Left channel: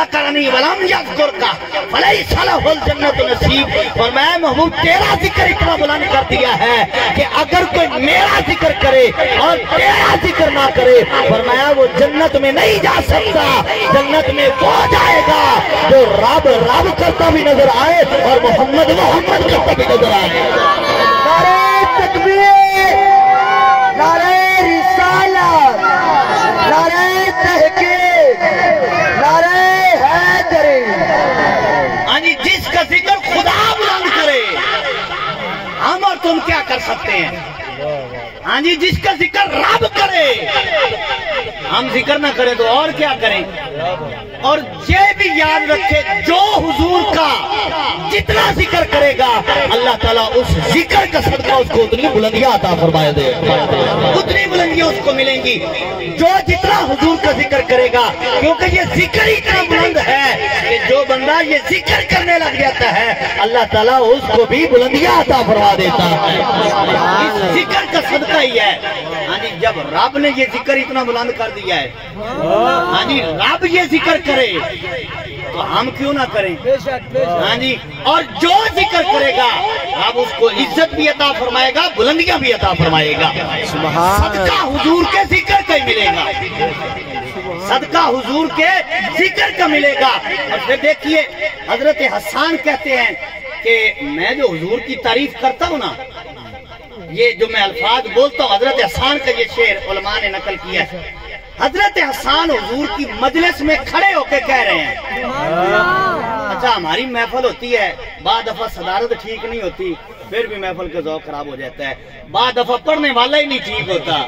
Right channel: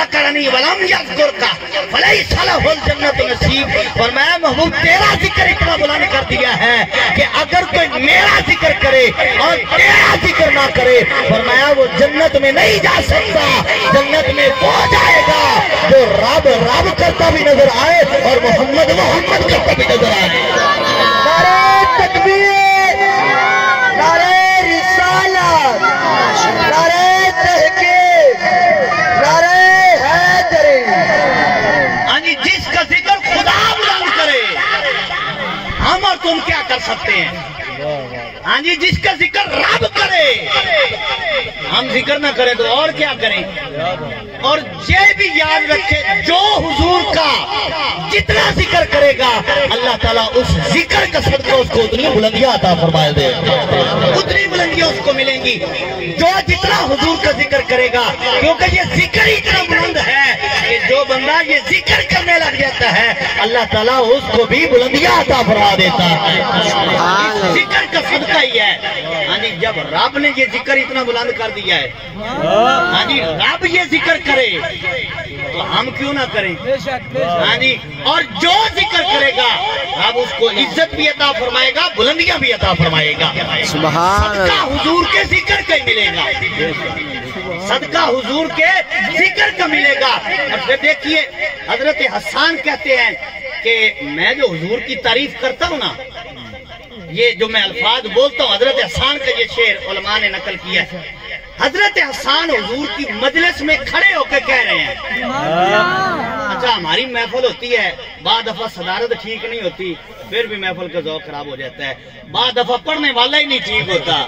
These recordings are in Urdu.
ذکرنی ولم یذکرک فلیس لہ الجنۃ نصیب۔ فرمایا محبوب تیرا ذکر اتنا بلند کر دیا ہے کہ اگر کوئی میرا ذکر کرے اور تیرا ذکر نہ کرے، فرمایا وہ جنت میں نہیں جا سکتا، جنت میں وہ جائے گا جو رب رب کرتا بھی نظر آئے اور محمد محمد کرتا بھی نظر آئے۔ نعرہ تکبیر، نعرہ رسالت، نعرہ تحقیق، نعرہ حیدری۔ یعنی جس کا ذکر خدا بلند کرے، ہم اور تم کیا کر سکتے ہیں؟ ہاں جی، جس کا ذکر رب کرے، ہم ذکر نہ کریں تو اور کیا کریں؟ اور یہ بھی یاد رکھے جو حضور کا جتنا ذکر کرے گا اللہ تعالیٰ اس ذکر کا صدقہ اس کو اتنی بلندیاں عطا فرمائے دے، اتنی بلندیاں اس کو ملیں گی جو جتنا حضور کا ذکر کرے گا، کیونکہ یہ ذکر اتنا بلند ہے کہ جو بندہ یہ ذکر کرنے لگ جاتا ہے اللہ تعالیٰ اس کو بھی بلندیاں عطا فرما دیتا ہے۔ اس ذکر کا صدقہ ہی ہے۔ ہاں جی، جب رب نے یہ ذکر اتنا بلند کر دیا ہے، ہاں جی رب یہ ذکر کرے تو ہم کیوں نہ کریں؟ ہاں جی، اور جو ذکر کرے گا رب اس کو عزت بھی عطا فرمائے گا، بلندیاں بھی عطا فرمائے گا۔ صدقہ حضور کے ذکر کا ہی ملے گا، صدقہ حضور کے ذکر کا ملے گا۔ اور پھر دیکھیے حضرت حسان کہتے ہیں کہ میں جو حضور کی تعریف کرتا ہوں نا، یہ جو میں الفاظ بولتا ہوں، حضرت حسان کا یہ شعر علماء نے نقل کیا ہے۔ حضرت حسان حضور کی مجلس میں کھڑے ہو کے کہہ رہے ہیں، اچھا ہماری محفل ہوتی ہے، بعض دفعہ صدارت ٹھیک نہیں ہوتی پھر بھی محفل کا ذوق خراب ہو جاتا ہے، بعض دفعہ پڑھنے والا ہی نہیں ٹھیک ہوتا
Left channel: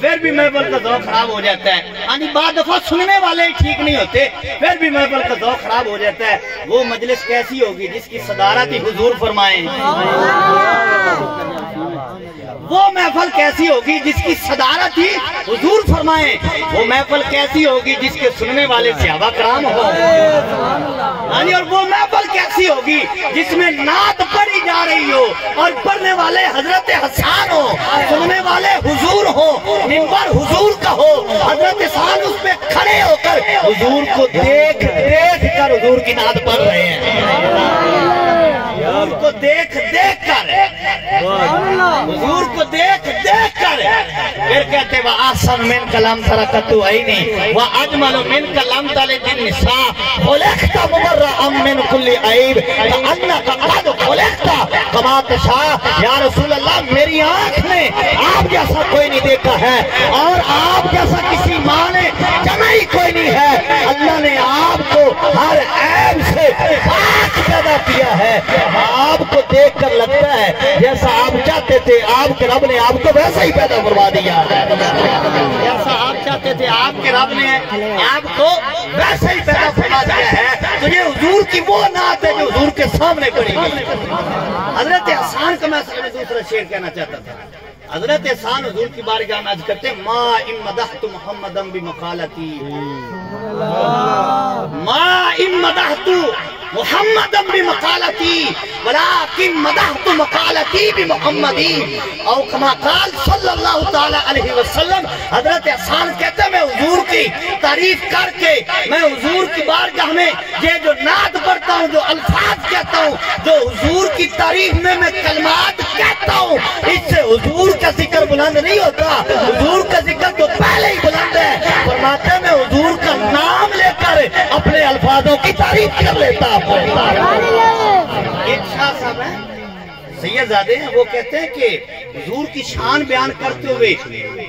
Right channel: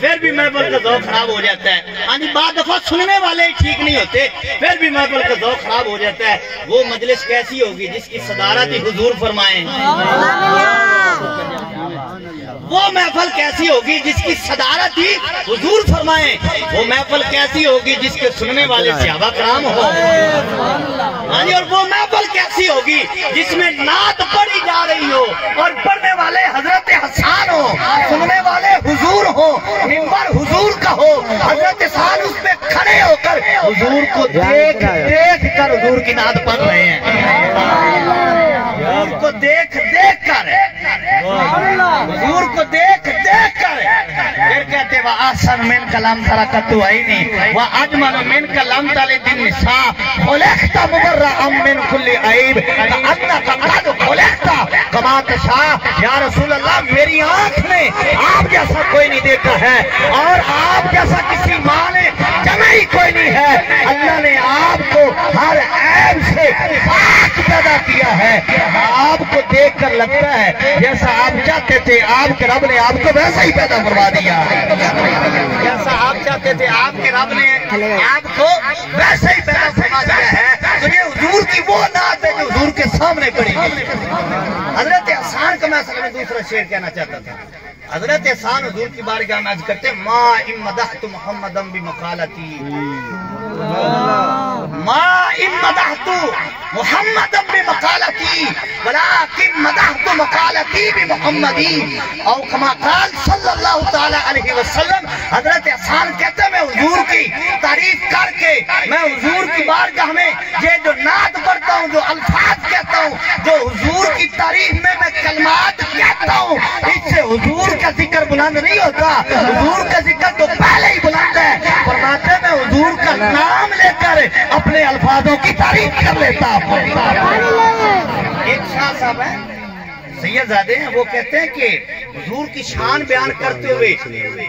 پھر بھی محفل کا ذوق خراب ہو جاتا ہے، یعنی بعض دفعہ سننے والے ہی ٹھیک نہیں ہوتے پھر بھی محفل کا ذوق خراب ہو جاتا ہے۔ وہ مجلس کیسی ہوگی جس کی صدارت ہی حضور فرمائیں؟ وہ محفل کیسی ہوگی جس کی صدارت ہی حضور فرمائیں؟ وہ محفل کیسی ہوگی جس کے سننے والے صحابہ کرام ہو؟ اور وہ محفل کیسی ہوگی جس میں نعت پڑھی جا رہی ہو اور پڑھنے والے حضرت حسان ہو، سننے والے حضور ہو، منبر حضور کا ہو، حضرت حسان اس میں کھڑے ہو کر حضور کو دیکھ دیکھ کر حضور کی نعت پڑھ رہے ہیں، حضور کو دیکھ دیکھ کر، حضور کو دیکھ دیکھ کر پھر کہتے وَآسَنْ مِنْكَ لَمْ تَرَكَتُ عَيْنِي وَأَجْمَلُ مِنْكَ لَمْ تَلِدِ النِّسَاءُ خُلِقْتَ مُبَرَّأً مِنْ كُلِّ عَيْبٍ كَأَنَّكَ قَدْ خُلِقْتَ كَمَا تَشَاءُ۔ یا رسول اللہ میری آنکھ میں آپ جیسا کوئی نہیں دیکھا ہے اور آپ جیسا کسی ماں نے جنا ہی کوئی نہیں ہے، اللہ نے آپ کو ہر عیب سے پاک پیدا کیا ہے، آپ کو دیکھ کر لگتا ہے جیسا آپ چاہتے تھے آپ کے رب نے آپ کو ویسا ہی پیدا فرما دیا، جیسا آپ چاہتے تھے آپ کے رب نے آپ کو ویسا ہی پیدا فرما دیا ہے۔ تو یہ حضور کی وہ نعت ہے جو حضور کے سامنے پڑھی گئی۔ حضرت حسان کا میں اصل میں دوسرا شعر کہنا چاہتا تھا۔ حضرت حسان حضور کی بارگاہ میں عرض کرتے ہیں ما ان مدحت محمدا بمقالتی، ما ان مدحت محمدا بمقالتی ولكن مدحت مقالتی بمحمدی او کما قال صلی اللہ تعالی علیہ وسلم۔ حضرت حسان کہتے ہیں میں حضور کی تعریف کر کے میں حضور کی بارگاہ میں یہ جو نعت پڑھتا ہوں، جو الفاظ کہتا ہوں، جو حضور کی تعریف میں کلمات کہتا ہوں، اس سے حضور کا ذکر بلند نہیں ہوتا، حضور کا ذکر تو پہلے ہی بلند ہے۔ فرماتے ہیں میں حضور کا نام لے کر اپنے الفاظوں کی تعریف کر لیتا ہوں۔ ایک شاہ صاحب ہیں سید زادے ہیں، وہ کہتے ہیں کہ حضور کی شان بیان کرتے ہوئے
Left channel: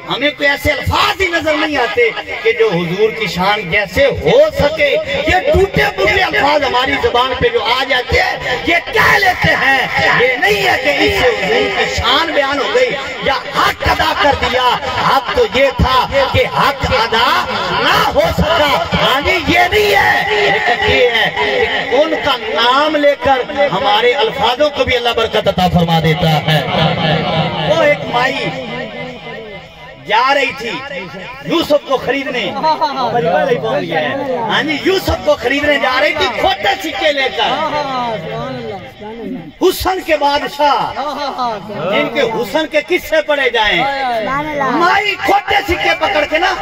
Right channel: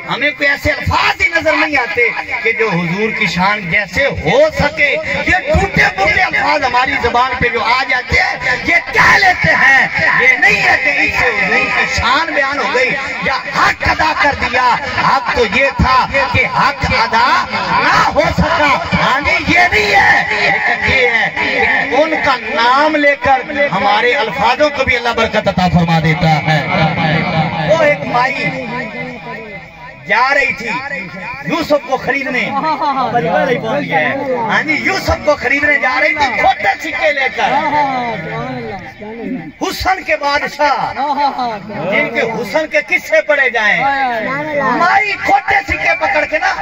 ہمیں کوئی ایسے الفاظ ہی نظر نہیں آتے کہ جو حضور کی شان جیسے ہو سکے۔ یہ ٹوٹے پھوٹے الفاظ ہماری زبان پہ جو آ جاتے ہیں یہ کہہ لیتے ہیں، یہ نہیں ہے کہ اس سے حضور کی شان بیان ہو گئی یا حق ادا کر دیا۔ حق تو یہ تھا کہ حق ادا نہ ہو سکا، یہ نہیں ہے، لیکن یہ ہے کہ ان کا نام لے کر ہمارے الفاظوں کو بھی اللہ برکت عطا فرما دیتا ہے۔ وہ ایک مائی جا رہی تھی یوسف کو خریدنے، ہاں جی یوسف کو خریدنے جا رہی تھی کھوٹے سکے لے کر، حسن کے بادشاہ جن کے حسن کے قصے پڑے جائیں، مائی کھوٹے سکے پکڑ کے نا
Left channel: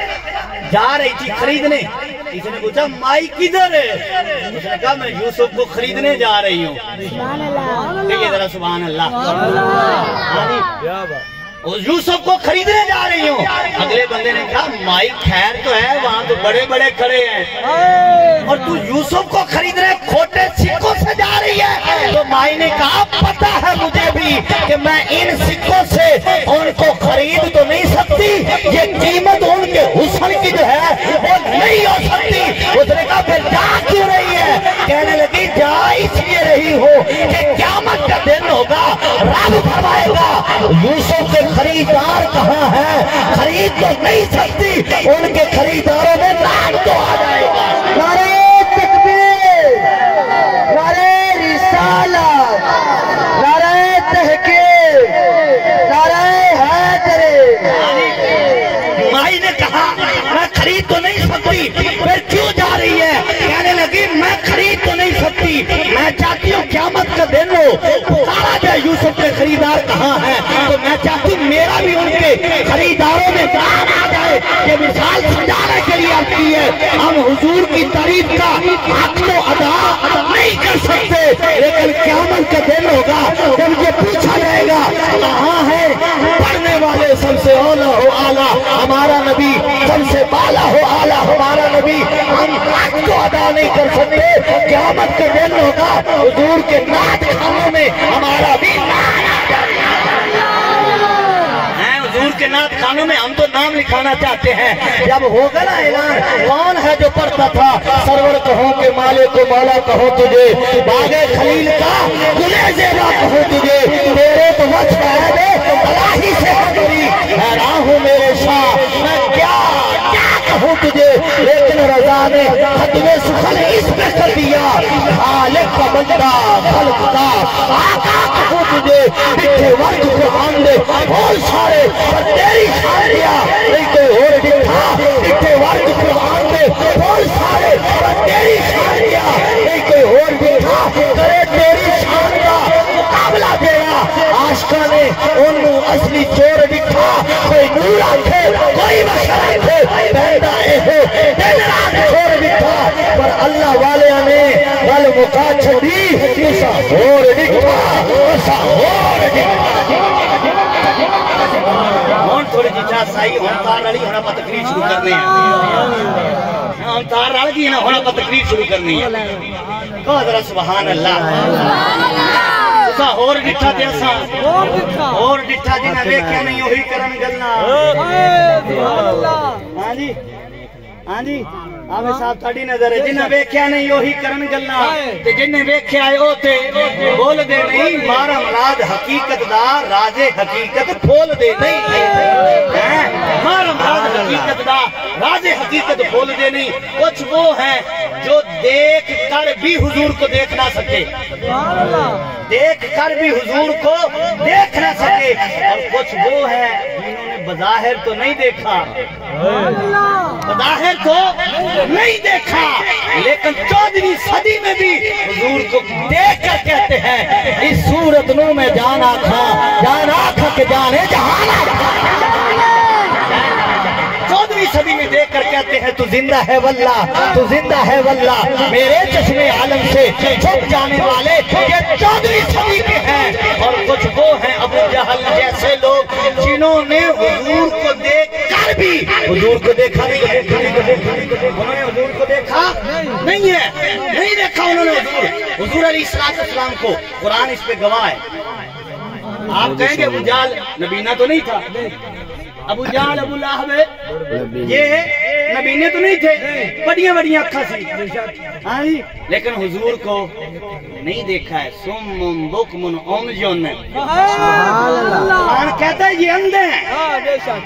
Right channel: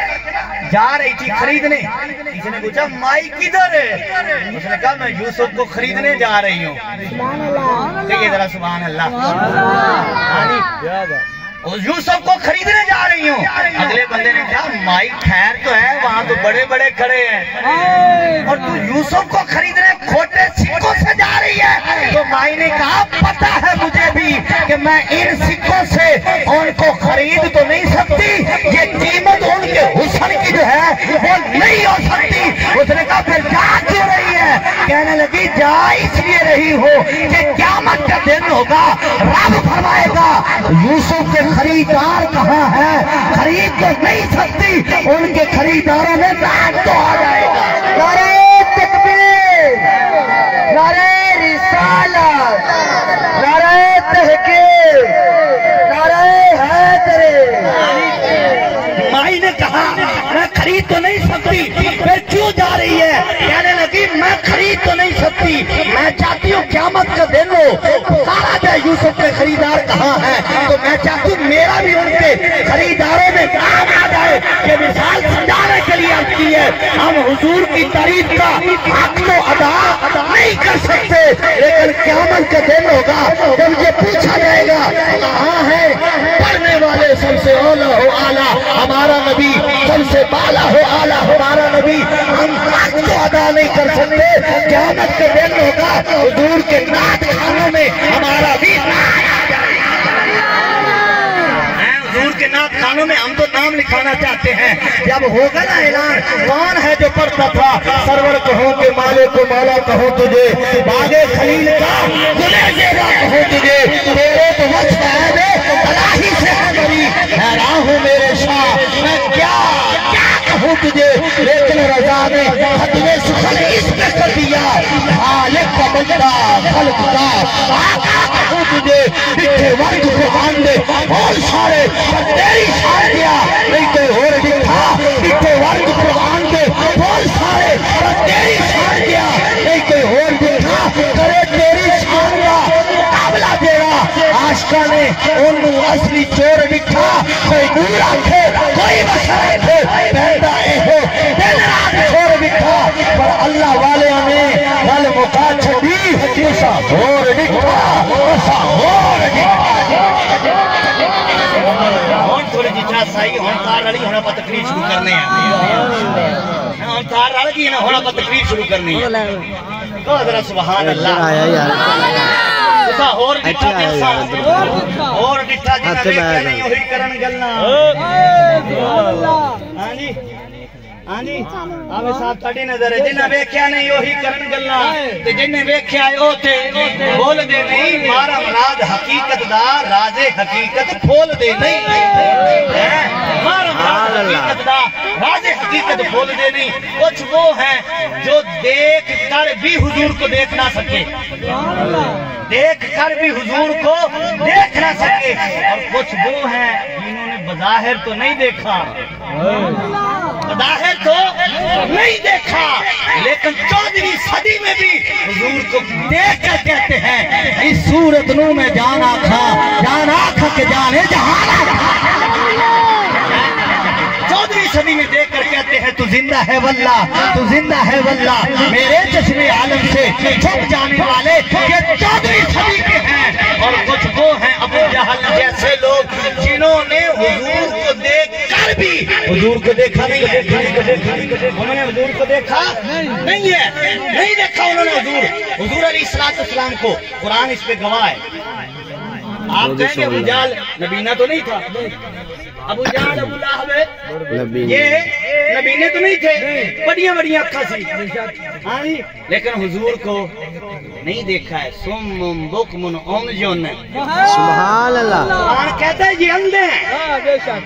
جا رہی تھی خریدنے۔ کسی نے پوچھا مائی کدھر ہے؟ اس نے کہا میں یوسف کو خریدنے جا رہی ہوں۔ دیکھیے ذرا سبحان اللہ، یوسف کو خریدنے جا رہی ہوں۔ اگلے بندے نے کہا مائی خیر تو ہے، وہاں تو بڑے بڑے کھڑے ہیں، اور تو یوسف کو خریدنے کھوٹے سکوں سے جا رہی ہے؟ تو مائی نے کہا پتہ ہے مجھے بھی کہ میں ان سکوں سے ان کو خرید تو نہیں سکتی، یہ قیمت ان کے حسن کی جو ہے وہ نہیں ہو سکتی۔ اس نے کہا پھر جا کیوں رہی ہے؟ کہنے لگی جا اس لیے رہی ہو کہ قیامت کا دن ہوگا، رب فرمائے گا یوسف کے خریدار کہاں ہے؟ خرید تو نہیں سکتی، ان کے خریداروں میں نام تو آ جائے گا۔ نعرہ تکبیر، نعرہ رسالت، نعرہ تحقیق، نعرہ حیدر۔ مائی نے کہا میں خرید تو نہیں سکتی، پھر کیوں جا رہی ہے؟ کہنے لگی میں خرید تو نہیں سکتی، میں چاہتی ہوں قیامت کا دن ہو، پکارا جائے یوسف کے خریدار کہاں ہیں، تو میں چاہتی ہوں میرا بھی ان کے خریداروں میں نام آ جائے۔ یہ مثال سمجھانے کے لیے آتی ہے، ہم حضور کی تعریف کا حق تو ادا نہیں کر سکتے، لیکن قیامت کا دن ہوگا جب یہ پوچھا جائے گا کہاں ہے پڑھنے والے سب سے اولا ہو اعلیٰ ہمارا نبی، سب سے بالا ہو اعلیٰ ہمارا نبی، ہم حق تو ادا نہیں کر سکتے۔ قیامت کا دن ہوگا حضور کے نعت خانوں میں ہمارا بھی حضور کے نعت خانوں میں ہم تو نام لکھانا چاہتے ہیں۔ جب ہوگا نا اعلان کون ہے جو پڑھتا تھا سرور کہو کہ مالک کو مولا کہو تجھے، باغے خلیل کا گلے زیبا کہو تجھے، تیرے تو وجہ ہے الہی سے ہے میری، حیران ہوں میرے شاہ میں کیا کہوں تجھے، لیکن رضا نے ختم سخن اس میں کر دیا، خالق کا بندہ خلق کا آقا کہوں تجھے، لکھے وقت قرآن دے بول سارے پر تیری شان دیا، نہیں کوئی اور دکھا، لکھے وقت قرآن دے بول سارے پر تیری شان دیا، نہیں کوئی اور دکھا کرے تیری شان کا مقابلہ تیرا۔ عاشقہ نے انہوں اصلی چور دکھا، کوئی نور آنکھے کوئی بشر آنکھے پہندا اے ہو دل رات چور دکھا، پر اللہ والے نے ول مقا چھڑی تسا ہور دکھا، تسا ہور دکھا۔ ہون تھوڑی جی چاہ سائی ہون تار رلی ہونا پا تقریر شروع کرنے ہیں، ہون تار رل گئی نا ہونا پا تقریر شروع کرنی ہے۔ کہا ذرا سبحان اللہ، تسا اور ڈٹھا دل سا اور ڈٹھا جنہ دیکھے نہیں ہوئی کرن گلنا۔ ہاں جی ہاں جی آمیں صاحب تھاڑی نظر ہے، جنہ ویکھیا نہیں ہوئی کرن گلنا، تے جنہ ویکھیا ہے اوتے بول دے نہیں، مارا مراد حقیقت دا راز حقیقت پھول دے نہیں، مارا مراد حقیقت دا راز حقیقت پھول دے نہیں۔ کچھ وہ ہیں جو دیکھ کر بھی حضور کو دیکھ نہ سکے، دیکھ کر بھی حضور کو دیکھ نہ سکے، اور کچھ وہ ہیں جنہوں نے بظاہر تو نہیں دیکھا، بظاہر تو نہیں دیکھا، لیکن 14ویں صدی میں بھی حضور کو دیکھ کر کہتے ہیں اس صورت نو میں جان آکھا کہ جانے جہان آکھا۔ 14ویں صدی میں دیکھ کر کہتے ہیں تو زندہ ہے واللہ، تو زندہ ہے واللہ، میرے چشم عالم سے چھپ جانے والے یہ 14ویں صدی کے ہیں۔ اور کچھ وہ ہیں ابو جہل جیسے لوگ جنہوں نے حضور کو دیکھ کر بھی حضور کو دیکھا نہیں ہے، انہوں نے حضور کو دیکھا نہیں ہے، نہیں دیکھا انہوں نے حضور علیہ السلام کو۔ قرآن اس پہ گواہ ہے۔ آپ کہیں گے ابو جہل نبینا تو نہیں تھا، ابو جہل ابو لہب یہ نبینے تو نہیں تھے، بڑیاں بڑیاں اکھا سی، ہاں جی، لیکن حضور کو نہیں دیکھا ہے۔ سم بکم عمجن، قرآن کہتا ہے یہ اندھے ہیں،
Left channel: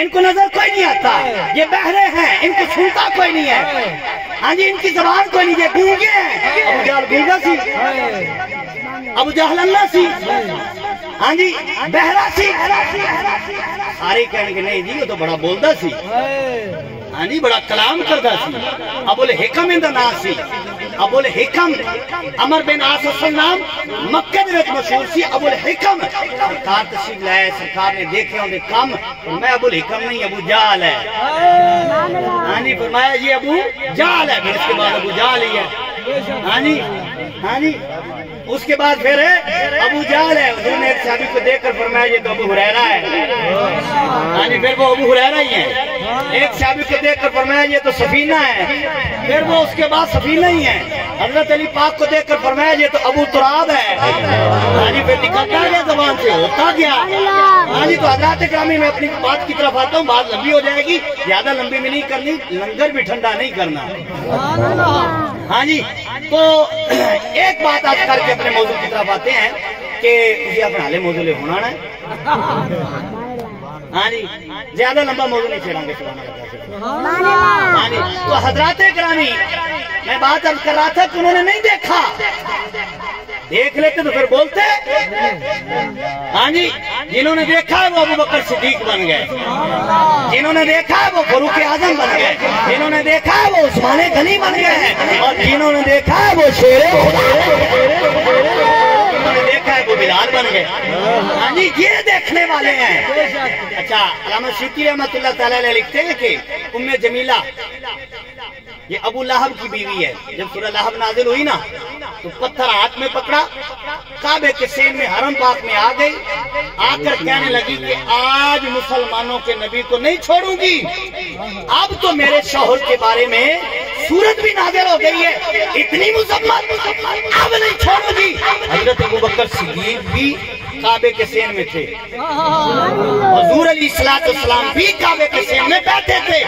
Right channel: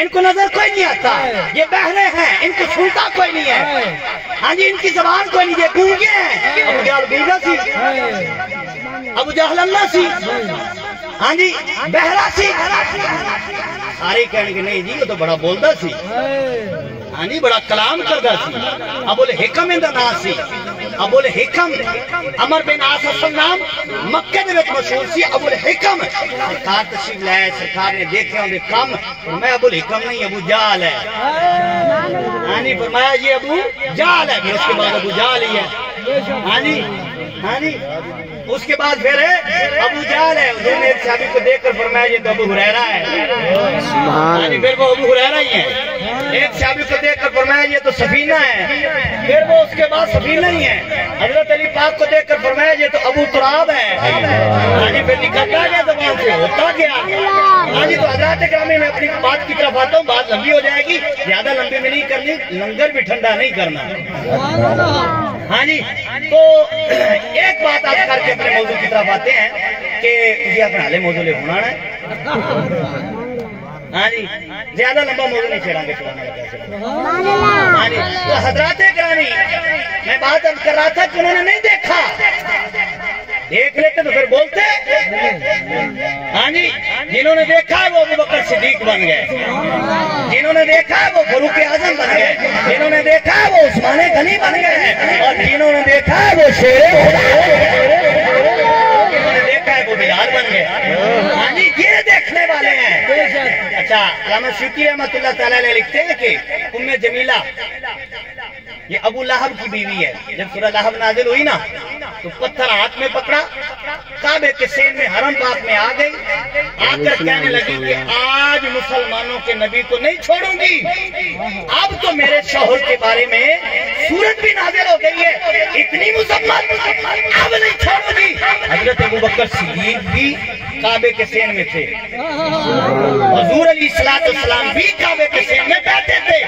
ان کو نظر کوئی نہیں آتا، یہ بہرے ہیں، ان کو سنتا کوئی نہیں ہے، ہاں جی، ان کی زبان کوئی نہیں، یہ گونگے ہیں۔ ابو جہل گونگا سی، ابو جہل اللہ سی، ہاں جی بہرا سی سارے کہنے کہ نہیں جی وہ تو بڑا بولدا سی ہاں جی بڑا کلام کردا سی ابو الحکم اندا نام سی ابو الحکم عمر بن عاص اصل نام مکے دے وچ مشہور سی ابو الحکم سرکار تشریف لائے سرکار نے دیکھے اون دے کم میں ابو الحکم نہیں ابو جہل ہے ہاں جی فرمایا یہ ابو جہل ہے پھر اس کے بعد ابو جہل ہی ہے ہاں جی اس کے بعد پھر ابو جہل ہے حضور نے ایک صحابی کو دیکھ کر فرمایا یہ تو ابو ہریرہ ہے ہاں جی پھر وہ ابو ہریرہ ہی ہے ایک صحابی کو دیکھ کر فرمایا یہ تو سفینہ ہے پھر وہ اس کے بعد سفینہ ہی ہے حضرت علی پاک کو دیکھ کر فرمایا یہ تو ابو تراب ہے ہاں جی پھر نکلتا گیا زبان سے ہوتا گیا ہاں جی تو حضرات گرامی میں اپنی بات کی طرف آتا ہوں بات لمبی ہو جائے گی زیادہ لمبی میں نہیں کرنی لنگر بھی ٹھنڈا نہیں کرنا ہاں جی تو ایک بات آج کر کے اپنے موضوع کی طرف آتے ہیں کہ مجھے اپنے حالے موضوع لے ہونا ہے ہاں جی زیادہ لمبا موضوع نہیں چھیڑا گے ہاں جی تو حضرات گرامی میں بات عرض کر رہا تھا کہ انہوں نے نہیں دیکھا دیکھ لیتے تو پھر بولتے ہاں جی جنہوں نے دیکھا ہے وہ ابو بکر صدیق بن گئے جنہوں نے دیکھا ہے وہ فاروق اعظم بن گئے جنہوں نے دیکھا ہے وہ عثمان غنی بن گئے ہیں اور جنہوں نے دیکھا ہے وہ شیر جنہوں نے دیکھا ہے وہ بلال بن گئے ہاں جی یہ دیکھنے والے ہیں اچھا علامہ سیوطی رحمۃ اللہ تعالی علیہ لکھتے ہیں کہ ام جمیلہ یہ ابو لہب کی بیوی ہے جب سورہ لہب نازل ہوئی نا تو پتھر ہاتھ میں پکڑا کعبے کے سین میں حرم پاک میں آ گئی آ کر کہنے لگی کہ آج مسلمانوں کے نبی کو نہیں چھوڑوں گی اب تو میرے شوہر کے بارے میں سورت بھی نازل ہو گئی ہے اتنی مذمت اب نہیں چھوڑوں گی حضرت ابو بکر صدیق بھی کعبے کے سین میں تھے حضور علیہ السلام بھی کعبے کے سین میں بیٹھے تھے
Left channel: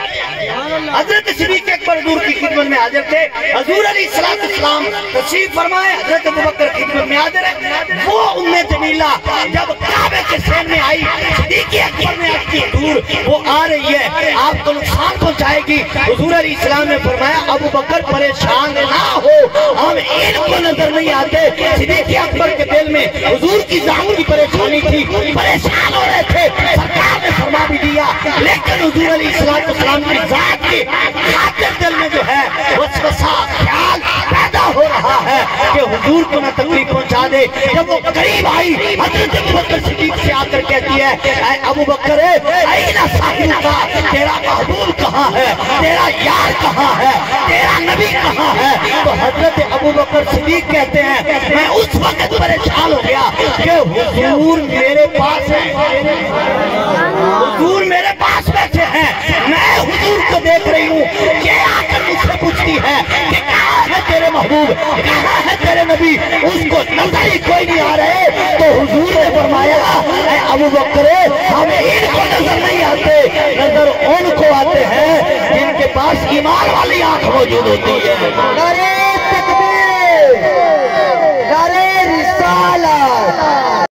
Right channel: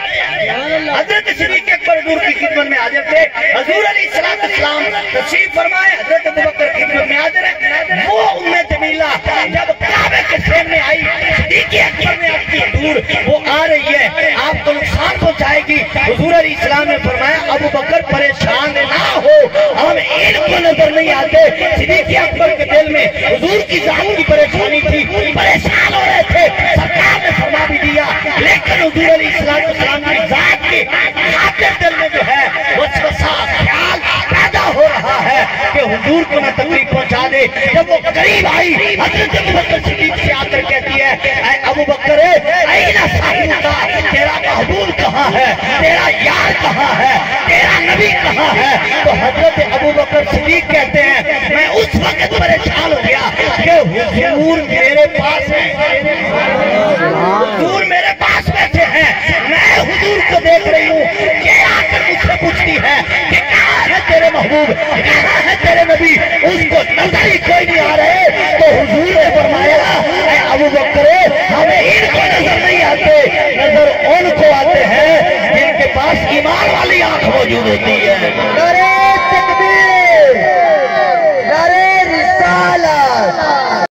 حضرت صدیق اکبر حضور کی خدمت میں حاضر تھے حضور علیہ السلام تشریف فرمائے حضرت ابو بکر خدمت میں حاضر ہے وہ ام جمیلہ جب کعبے کے سین میں آئی صدیق اکبر نے آپ کی دور وہ آ رہی ہے آپ کو نقصان پہنچائے گی حضور علیہ السلام نے فرمایا ابو بکر پریشان نہ ہو ہم ان کو نظر نہیں آتے صدیق اکبر کے دل میں حضور کی ذات کی پریشانی تھی پریشان ہو رہے تھے سرکار نے فرما بھی دیا لیکن حضور علیہ السلام کی ذات کی خاطر دل میں جو ہے وسوسہ خیال پیدا ہو رہا ہے کہ حضور کو نہ تکلیف پہنچا دے جب وہ قریب آئی حضرت ابو بکر صدیق سے آ کر کہتی ہے اے ابو بکر این صاحب کا تیرا محبوب کہاں ہے تیرا یار کہاں ہے تیرا نبی کہاں ہے تو حضرت ابو بکر صدیق کہتے ہیں میں اس وقت پریشان ہو گیا کہ حضور میرے پاس ہے حضور میرے پاس بیٹھے ہیں میں حضور کو دیکھ رہی ہوں کہ آ کر مجھ سے پوچھتی ہے کہ کہاں ہے تیرے محبوب کہاں ہے تیرے نبی اس کو نظر ہی کوئی نہیں آ رہے تو حضور نے فرمایا اے ابو بکر ہمیں ان کو نظر نہیں آتے نظر ان کو آتے ہیں جن کے پاس ایمان والی آنکھ موجود ہوتی ہے